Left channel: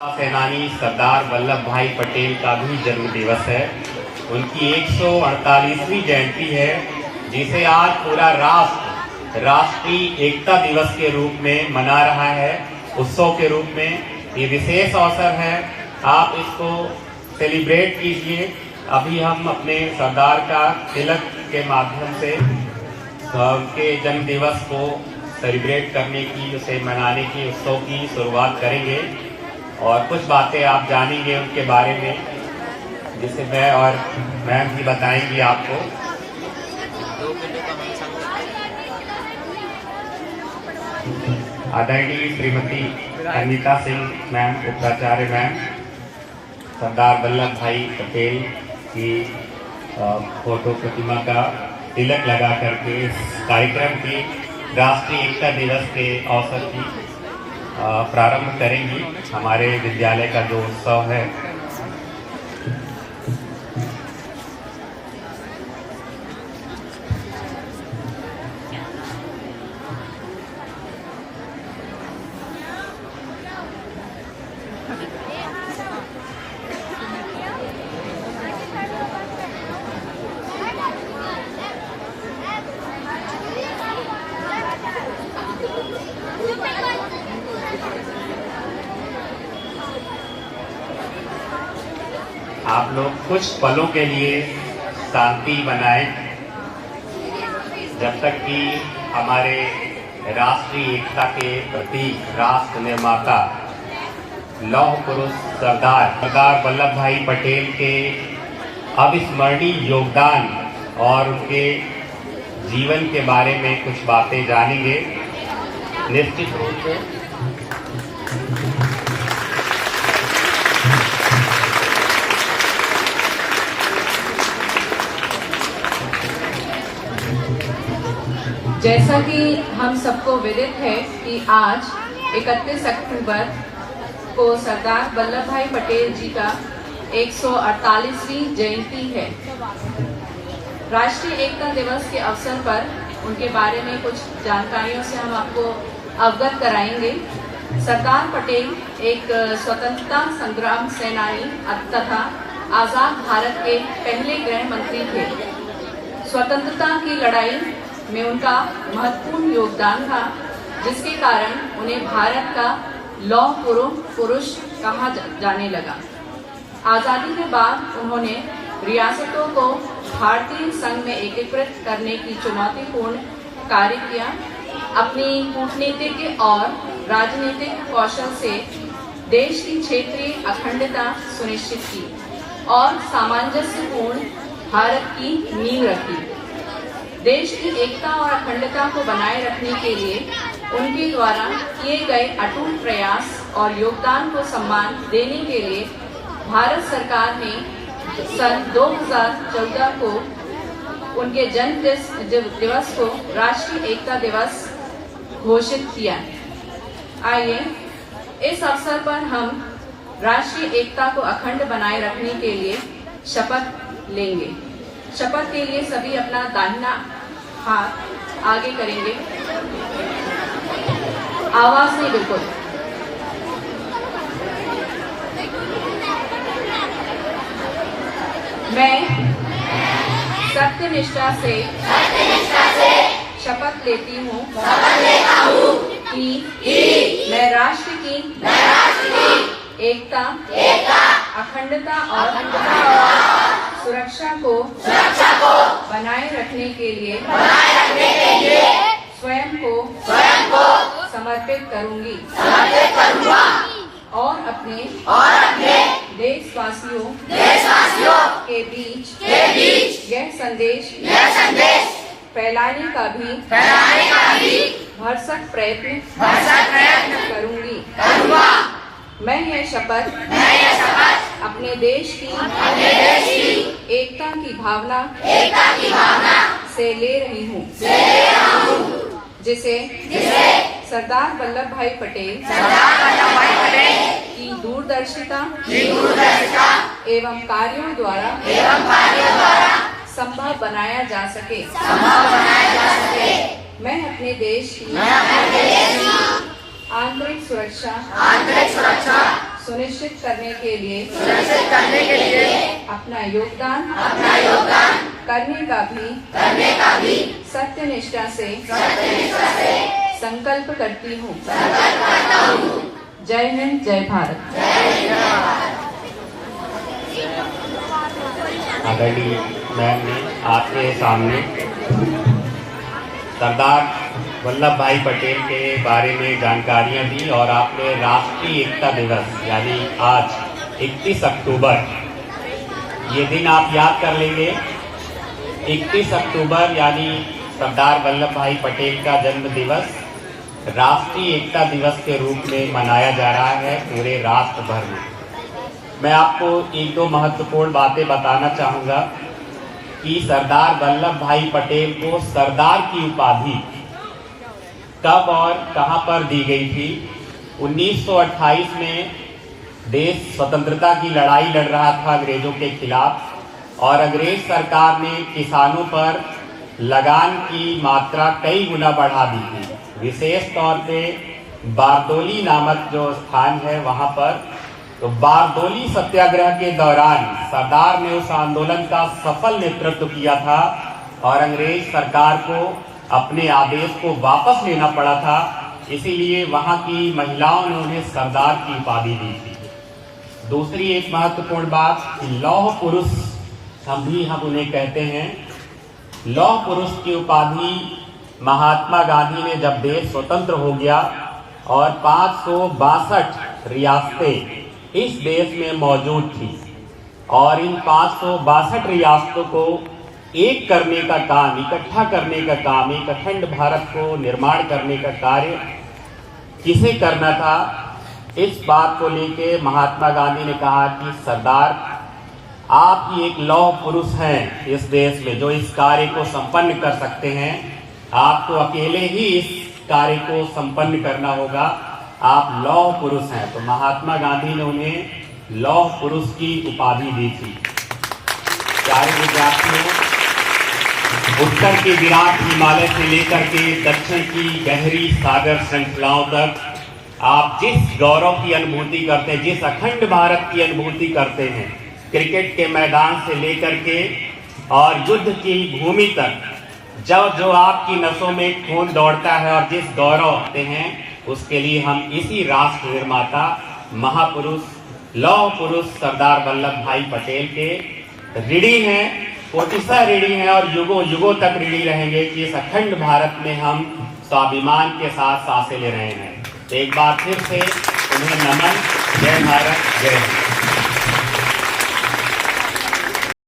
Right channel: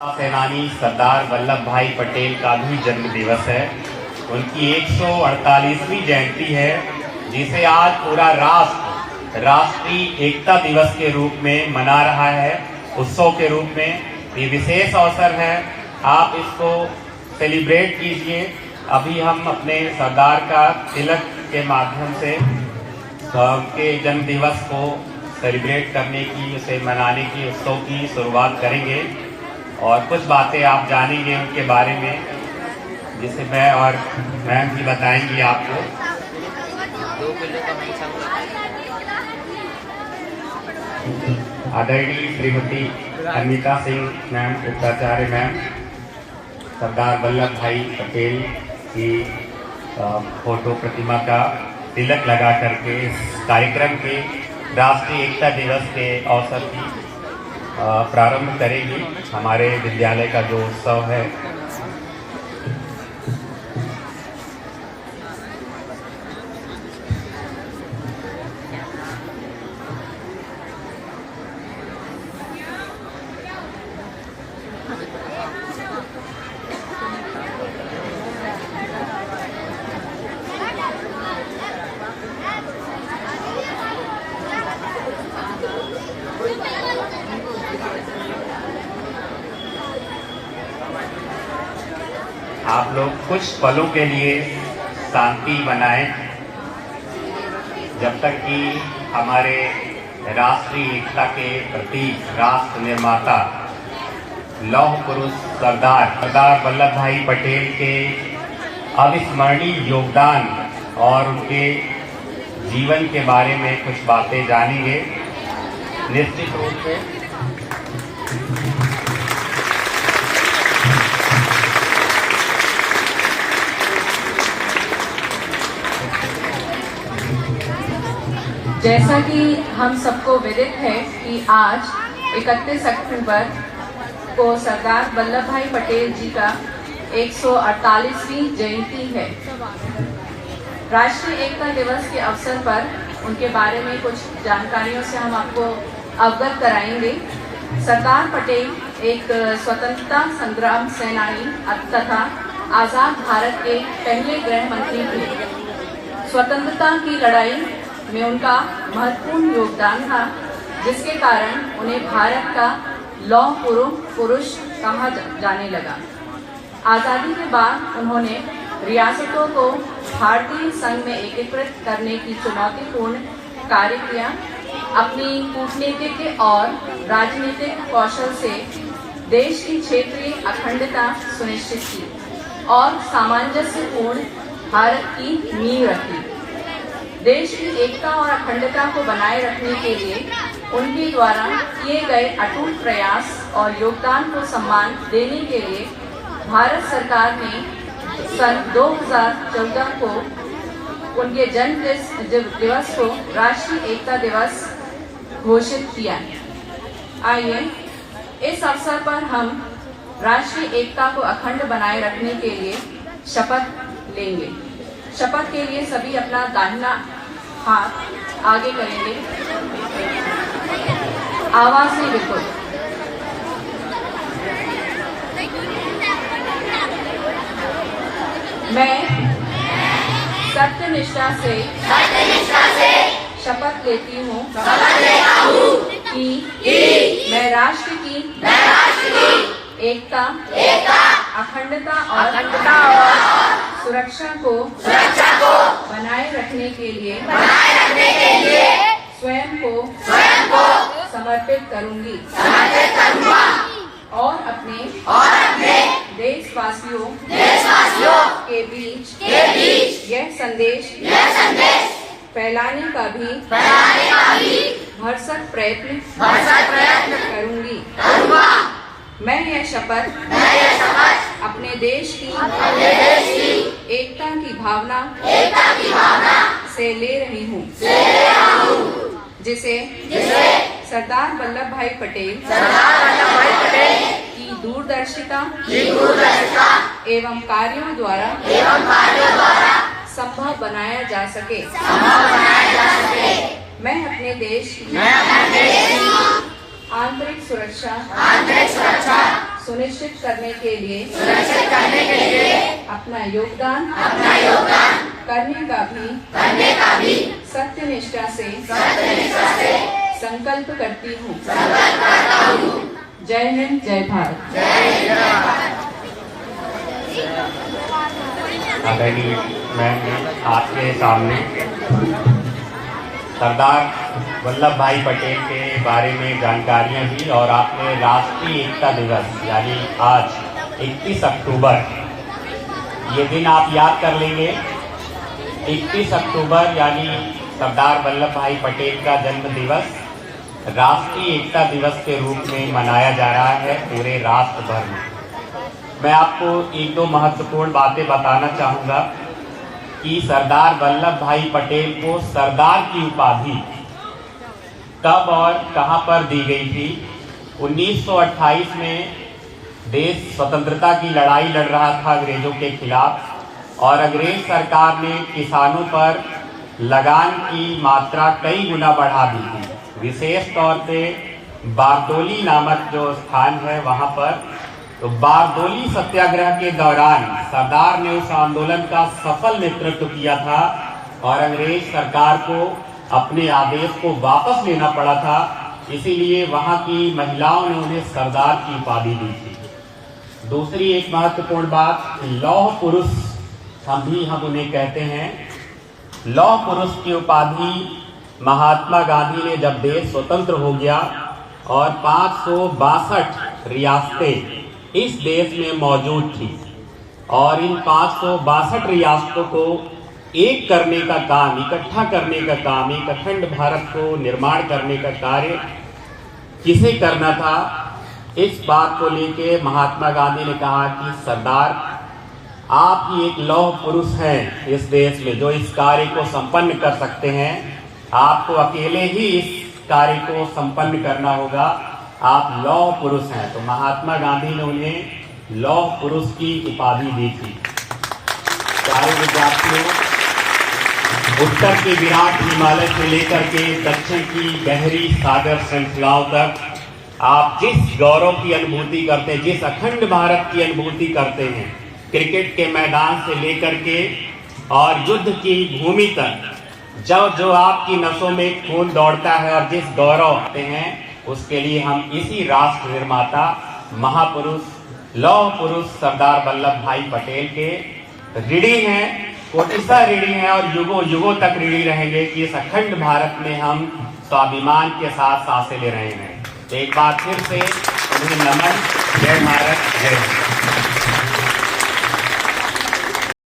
सेनानी सरदार वल्लभ भाई पटेल का भी जन्म दिवस है। उनकी 148वीं जयंती है, जिसे आज पूरा राष्ट्र राष्ट्रीय एकता दिवस के रूप में मना रहा है, उत्सव के रूप में। ये विशेष अवसर है, आप इसको सेलिब्रेट कीजिए। अभी हम अपने सरदार का तिलक के माध्यम से उनके जन्म दिवस को सेलिब्रेट करने की, उसे मनाने की, उत्सव की शुरुआत करेंगे और कुछ बातें आप जानेंगे उनके बारे में, जिसे मैं और मैम जी बताएंगी आपको। आदरणीय श्रीमती अनीता सिंह मैम, उपाचार्य मैम, सरदार वल्लभ भाई पटेल की फोटो प्रतिमा का तिलक लगा करके इस कार्यक्रम के राष्ट्रीय एकता दिवस के अवसर की प्रारंभ करेंगी हमारे विद्यालय का जो उत्सव है। आप लोग कुछ पलों के लिए शांति बनाएं, जब तक कि हमारे राष्ट्रीय एकता के प्रतीक, राष्ट्र निर्माता, लौह पुरुष सरदार वल्लभ भाई पटेल के अविस्मरणीय योगदान और उनके जीवन के बारे में कुछ बातें जानेंगे। निश्चित रूप से जैसा कि हम सबको विदित है कि आज 31 अक्टूबर को सरदार वल्लभ भाई पटेल जी का 148वीं जयंती है। राष्ट्रीय एकता दिवस के अवसर पर उनके बारे में कुछ जानकारियों से हम आपको अवगत कराएंगे। सरदार पटेल एक स्वतंत्रता संग्राम सेनानी तथा आजाद भारत के पहले गृह मंत्री थे। स्वतंत्रता की लड़ाई में उनका महत्वपूर्ण योगदान था, जिसके कारण उन्हें भारत का लौह पुरुष कहा जाने लगा। आजादी के बाद उन्होंने रियासतों को भारतीय संघ में एकीकृत करने की चुनौतीपूर्ण कार्य किया। अपनी कूटनीतिक और राजनीतिक कौशल से देश की क्षेत्रीय अखंडता सुनिश्चित की और सामंजस्यपूर्ण भारत की नींव रखी। देश की एकता और अखंडता को बनाए रखने के लिए उनके द्वारा किए गए अटूट प्रयास और योगदान को सम्मान देने के लिए भारत सरकार ने सन 2014 को उनके जन्म दिवस को राष्ट्रीय एकता दिवस घोषित किया। आइए इस अवसर पर हम राष्ट्रीय एकता को अखंड बनाए रखने के लिए शपथ लेंगे। शपथ के लिए सभी अपना दाहिना हाथ आगे करेंगे। आवाज से बिल्कुल। मैं सत्यनिष्ठा से शपथ लेती हूँ कि मैं राष्ट्र की एकता, अखंडता और सुरक्षा को बनाए रखने के लिए स्वयं को समर्पित करूंगी और अपने देशवासियों के बीच यह संदेश फैलाने का भी भरसक प्रयत्न करूंगी। मैं यह शपथ अपने देश की एकता की भावना से ले रही हूँ, जिसे सरदार वल्लभ भाई पटेल की दूरदर्शिता एवं कार्यों द्वारा संभव बनाया जा सके। मैं अपने देश की आंतरिक सुरक्षा सुनिश्चित करने के लिए अपना योगदान करने का भी सत्यनिष्ठा से संकल्प करती हूँ। जय हिंद, जय भारत। आदरणीय मैम ने आपके सामने सरदार वल्लभ भाई पटेल के बारे में जानकारियां दी और आपने राष्ट्रीय एकता दिवस यानी आज 31 अक्टूबर ये दिन आप याद कर लेंगे। 31 अक्टूबर यानी सरदार वल्लभ भाई पटेल का जन्म दिवस राष्ट्रीय एकता दिवस के रूप में मनाया जा रहा है पूरे राष्ट्र भर में। मैं आपको एक दो महत्वपूर्ण बातें बताना चाहूंगा कि सरदार वल्लभ भाई पटेल को सरदार की उपाधि कब और कहां पर दी गई थी। 1928 में देश स्वतंत्रता की लड़ाई लड़ रहा था अंग्रेजों के खिलाफ और अंग्रेज सरकार ने किसानों पर लगान की मात्रा कई गुना बढ़ा दी थी। विशेष तौर पे बारदोली नामक जो स्थान है वहां पर, तो बारदोली सत्याग्रह के दौरान सरदार ने उस आंदोलन का सफल नेतृत्व किया था और अंग्रेज सरकार को अपने आदेश को वापस लेना पड़ा था। इसीलिए वहां की महिलाओं ने उन्हें सरदार की उपाधि दी थी। दूसरी एक महत्वपूर्ण बात, लौह पुरुष हम उन्हें कहते हैं। लौह पुरुष की उपाधि महात्मा गांधी ने जब देश स्वतंत्र हो गया और 562 रियासतें इस देश में मौजूद थी और इन 562 रियासतों को एक करने का काम, इकट्ठा करने का काम, एक अखंड भारत को निर्माण करने का कार्य किसे करना था, इस बात को लेके महात्मा गांधी ने कहा कि सरदार आप ही एक लौह पुरुष हैं इस देश में जो इस कार्य को संपन्न कर सकते हैं। आपको अकेले ही इस कार्य को संपन्न करना होगा, आप लौह पुरुष हैं। तो महात्मा गांधी ने उन्हें लौह पुरुष की उपाधि दी थी। प्यारे विद्यार्थियों, उत्तर के विराट हिमालय से लेकर के दक्षिण की गहरी सागर श्रृंखलाओं तक आप जिस गौरव की अनुभूति करते हैं, जिस अखंड भारत की अनुभूति करते हैं, क्रिकेट के मैदान से लेकर के और युद्ध की भूमि तक, जो आपकी नसों में खून दौड़ता है और जिस गौरव होते हैं, उसके लिए हम इसी राष्ट्र निर्माता महापुरुष लौह पुरुष सरदार वल्लभ भाई पटेल के ऋणी हैं, कोटिशा ऋणी हैं और युगों युगों तक ऋणी रहेंगे कि इस अखंड भारत में हम स्वाभिमान के साथ सांसें ले रहे हैं। एक बार फिर से उन्हें नमन। जय भारत, जय हिंद।